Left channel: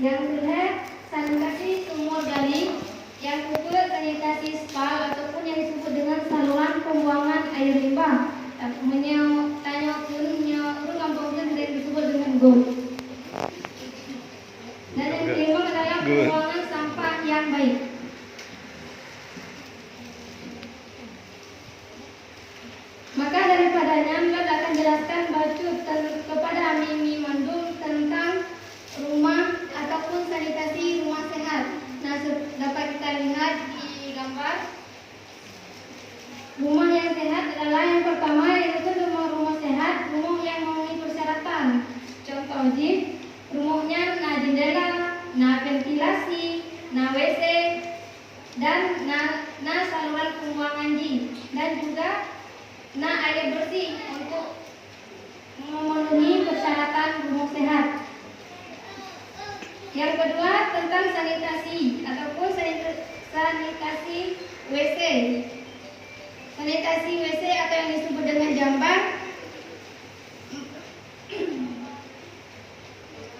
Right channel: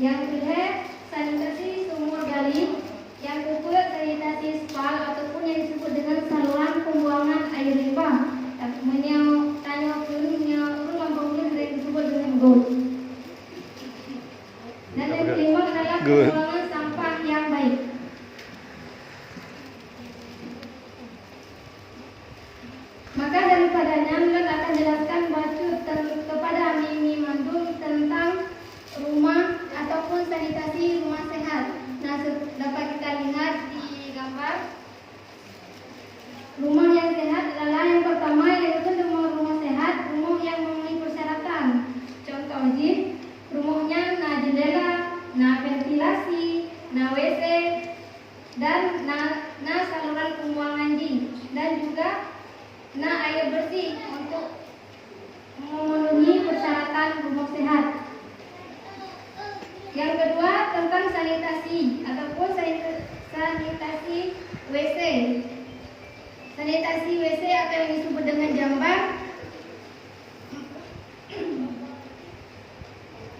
Yang kedua, sanitasi sumur gali. Yang kedua, sanitasi spal ataupun yang disebut dengan saluran pembuangan air limbah. Yang disebut dengan GOAT. Dan yang kelima adalah pembuangan sampah yang baik. Maka daripadanya Milad akan jelaskan bacot kepada Mimi Mandung tentang rumah ataupun sanitasi rumah sehat. Nah, dapat kita lihat di gambar. Rumah yang sehat adalah yang pertama, yaitu rumah sehat, rumah yang memenuhi persyaratan. Contoh rumahnya jendela, ventilasi, WC, dan saluran pembuangan dan juga air bersih untuk memenuhi persyaratan rumah sehat. Yang kedua tentang sanitasi ataupun sanitasi WC. Sanitasi WC atau yang disebut dengan jamban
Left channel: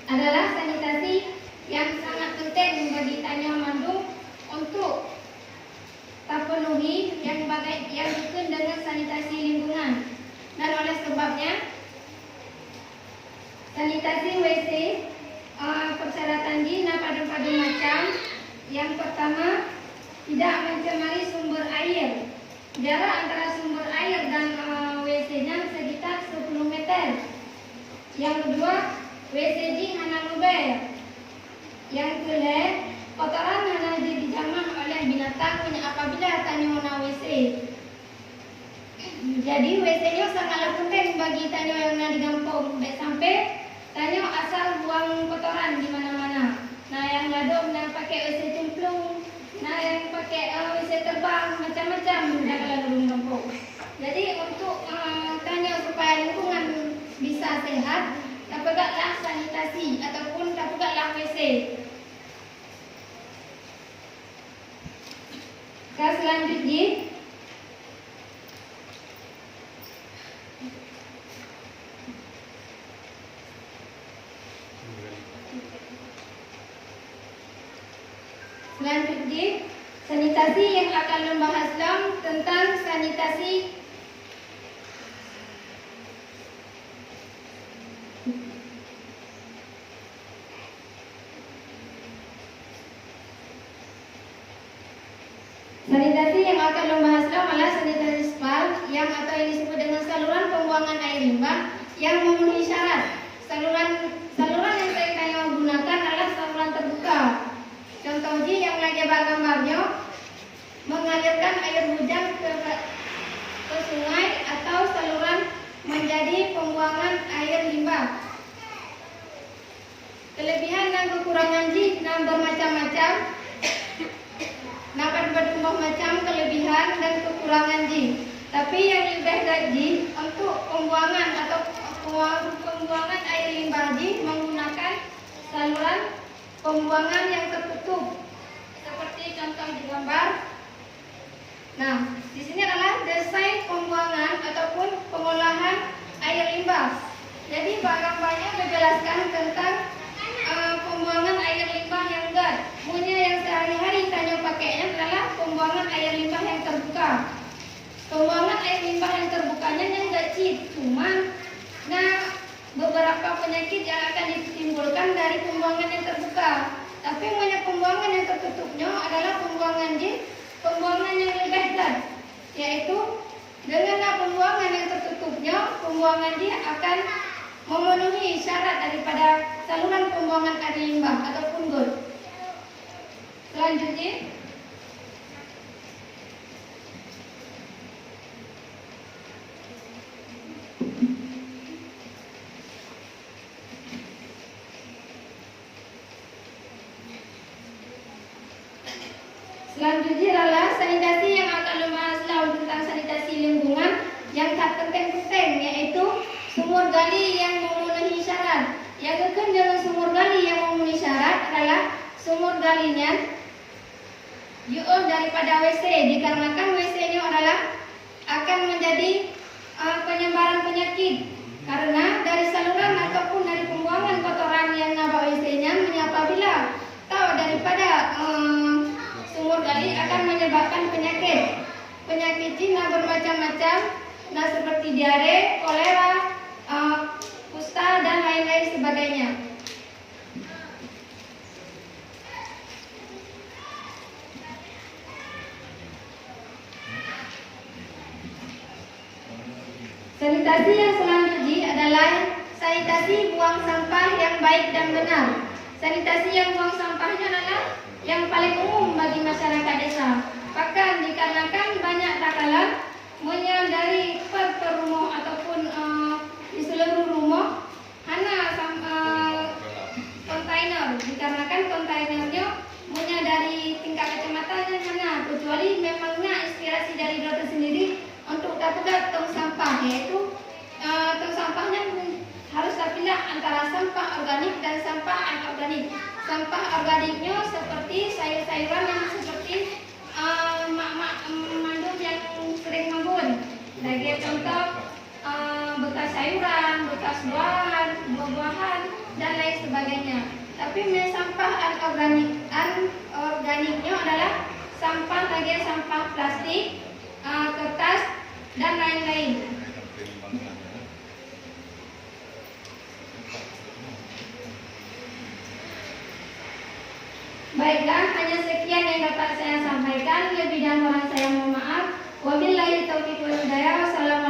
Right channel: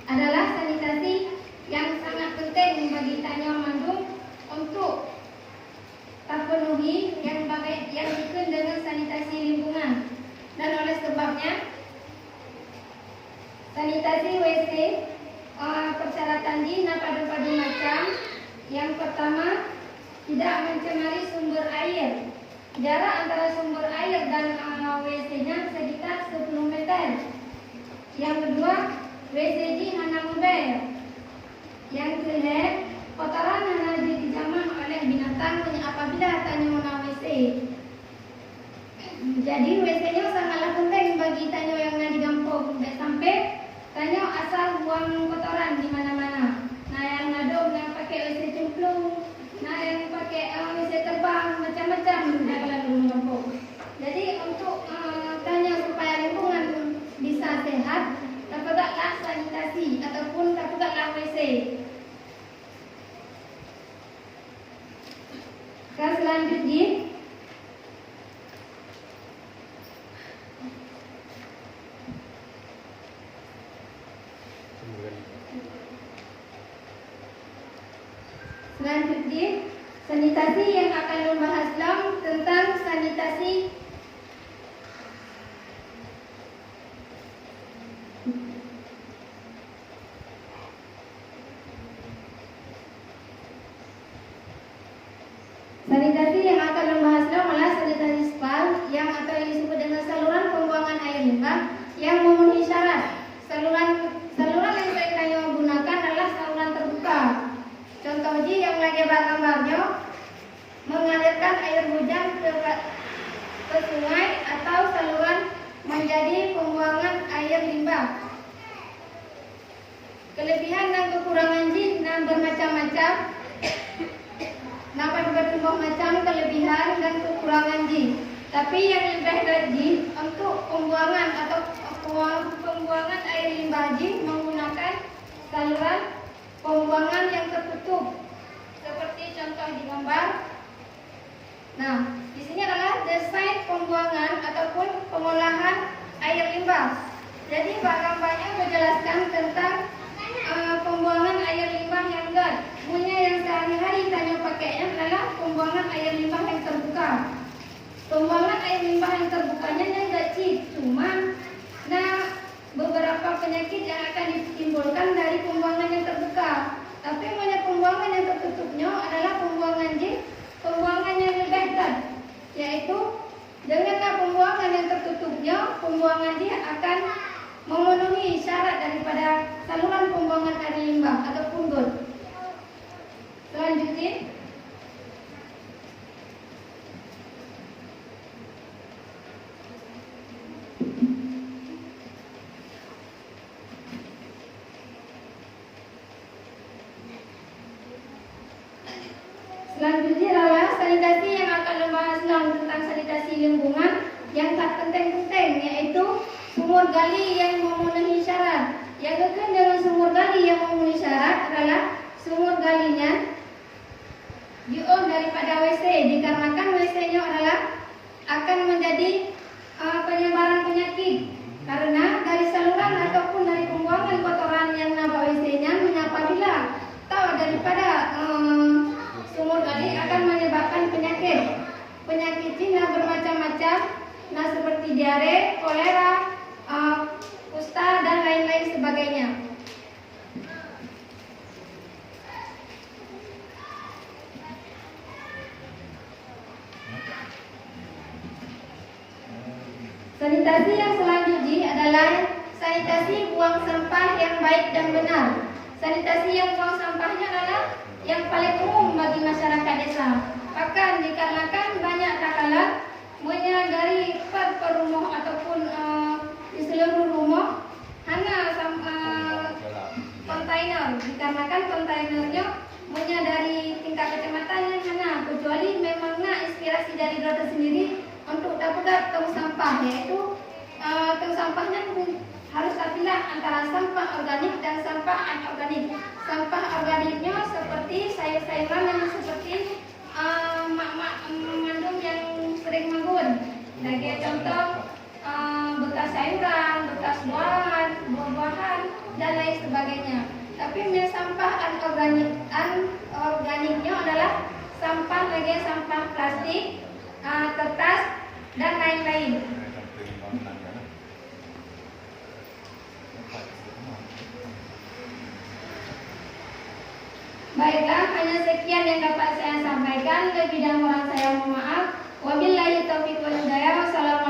adalah sanitasi yang sangat penting bagi Tanya Mandung untuk terpenuhi yang berkaitan dengan sanitasi lingkungan. Dan oleh sebabnya sanitasi WC persyaratan pada macam. Yang pertama, tidak mencemari sumber air. Jarak antara sumber air dan WC-nya sekitar 10 meter. Yang kedua, WC hanya mobil. Yang ketiga, kotoran hanya dijamah oleh binatang apabila tanya WC. Jadi WC-nya sangatlah penting bagi tanya yang di kampung. Sampai tanya asal buang kotoran di mana-mana. Nah, yang ngadom yang pakai WC cemplung, yang pakai WC terbang, macam-macam kalau di kampung. Jadi untuk tanya supaya lingkungan bisa sehat, lakukanlah sanitasi ataupun lakukanlah WC. Dan selanjutnya sanitasi yang akan membahas tentang sanitasi yang akan membahas adalah sanitasi spal yang atau yang disebut dengan saluran pembuangan air limbah yang memenuhi syarat. Saluran yang saya gunakan adalah saluran terbuka. Contoh yang lagi gambarnya mengalirkan air hujan ke sungai atau saluran menjadi pembuangan air limbah. Kelebihan dan kekurangan bermacam-macam. Dapat bertumbuh macam kelebihan dan kekurangan Tapi yang lebih dari untuk pembuangan atau pembuangan air limbah menggunakan saluran pembuangan yang tertutup seperti contoh di gambar. Nah, di sini adalah desain pembuangan ataupun pengolahan air limbah. Jadi gambarnya menjelaskan tentang pembuangan air limbah yang GAT. Yang sehari-hari tanya pakainya adalah pembuangan air limbah yang terbuka. Pembuangan air limbah yang terbukanya yang kecil, cuman beberapa penyakit yang akan ditimbulkan dari pembuangan yang terbuka. Tapi pembuangan yang tertutupnya adalah pembuangan yang lebih GAT, yaitu dengan pembuangan yang tertutupnya, pembuangan akan memenuhi syarat daripada saluran pembuangan air limbah ataupun GOAT. Selanjutnya, adalah sanitasi yang akan membahas tentang sanitasi lingkungan yang tak penting-penting, yaitu sumur gali yang memenuhi syarat. Yang kedua dengan sumur gali yang memenuhi syarat adalah sumur galinya daripada WC, dikarenakan WC-nya adalah akan menjadi penyebaran penyakit karena dari saluran ataupun dari pembuangan kotoran yang WC-nya apabila Sanitasi yang selanjutnya adalah sanitasi buang sampah yang baik dan benar. Sanitasi yang buang sampahnya adalah yang paling umum bagi masyarakat desa. Bahkan dikarenakan banyak takala dari per rumah ataupun di seluruh rumah hanya kontainer, dikarenakan kontainernya dari tingkat kecamatannya hanya, kecuali memangnya inspirasi dari dokter sendiri untuk dapat tong sampah, yaitu tong sampahnya harus terpilah antara sampah organik dan sampah anorganik. Sampah organiknya seperti sayur-sayuran yang seperti mandum yang sering menggun, sebagai contoh bekas sayuran, bekas buah-buahan dan lain sebagainya. Tapi sampah anorganiknya adalah sampah plastik, kertas dan lain-lain. Baiklah, hanya sekian yang dapat saya sampaikan. Lebih dan kurang saya mohon maaf. Wabillahi taufiq wal hidayah. Wassalamualaikum